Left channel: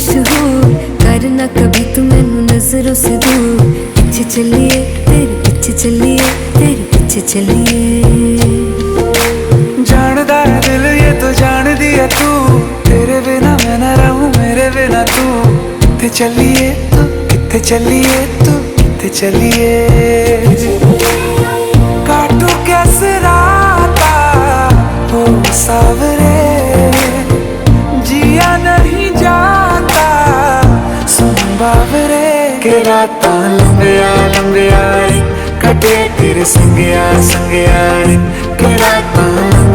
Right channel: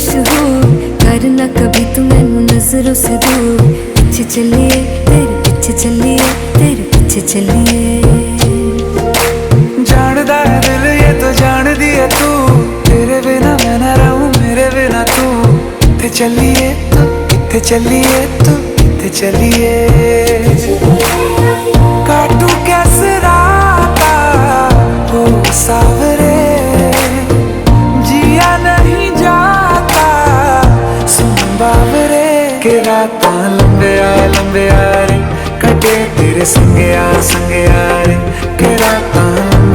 मशहूर, करना कभी तू मैनू नजरों से दूर। पीछे चलिए तेरे पीछे चलिए, तेरे पीछे चलिए। जानदा है दिल ये तो जान दिया तू, तेरे बिना मैं ना रहूं मेरे बिना तू। किथे चलिए तू, किथे चलिए तू, किथे चलिए। काटू कैसे राता हो सावरे, जिया नहीं जाता सुन बावरे। के रातां लंबिया लंबिया रे, कटे तेरे संगया संगया रे। के रातां लंबिया